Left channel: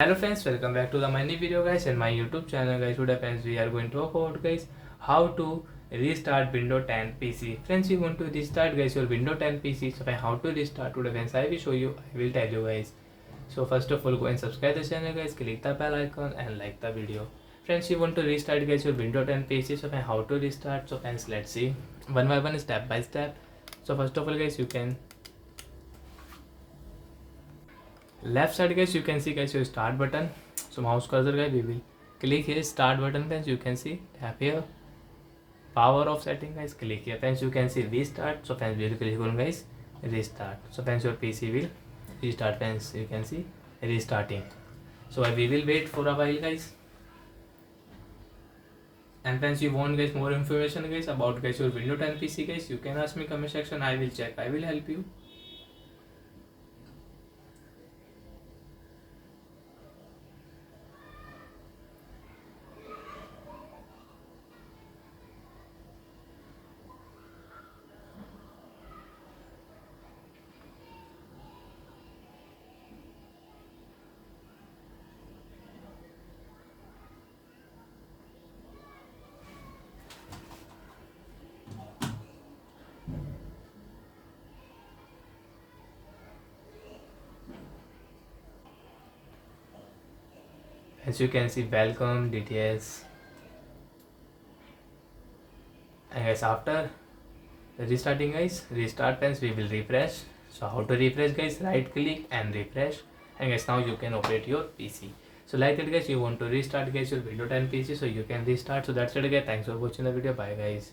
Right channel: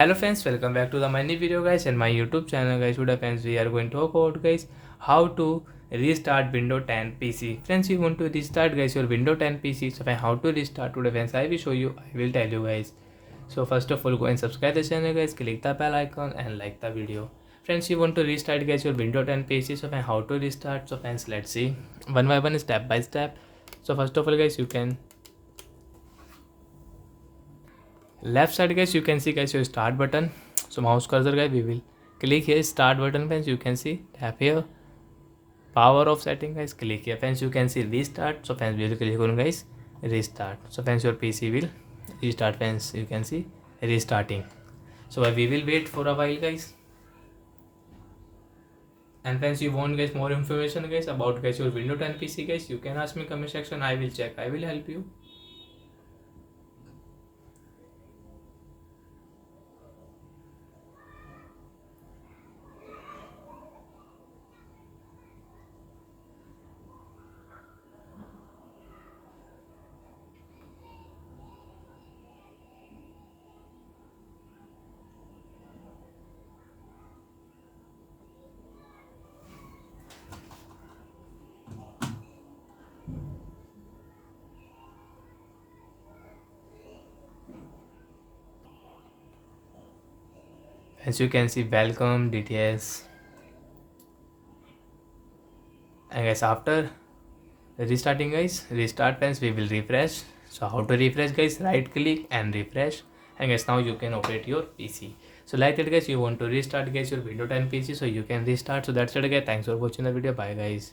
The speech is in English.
Hello friends, welcome back to the my new video guys and my YouTube channel guys. Today friends we are going to talk about guys how to restart Windows 10 PC. Friends, you want to restart guys your Windows 10 PC. So how to restart today friends, I will show you, I will tell you guys. So first of all go and subscribe the channel guys, click the bell icon and like the video. Friends, you want to restart guys your Windows 10 PC. So how to restart, so friends let's see one by one, step by step. So first of all guys, you can left side guys, you can see guys your start button. So mouse cursor guys, we will click here start button friends. You can see tap here power off setting guys, click here friends. You can see restart. So friends we will click on guys restart. So friends your PC will restart friends. You can see restarting. So we will wait for a while guys. And friends, you want guys more information guys about guys your Windows 10 PC guys, you can ask me comment section. I will check, I will help you. As you can see welcome dts. And guys after restarting guys, restart friends, we will refresh. So how to refresh guys, right click and refresh. And guys now you can operate your PC. So like that guys, you want to restart guys your Windows 10 PC, so you can restart. So that's it guys, thanks for watching the video, bye guys.